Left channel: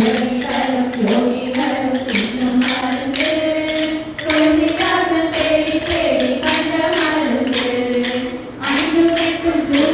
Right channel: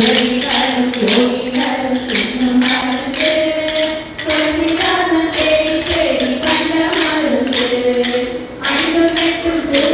don't I'm Thank you.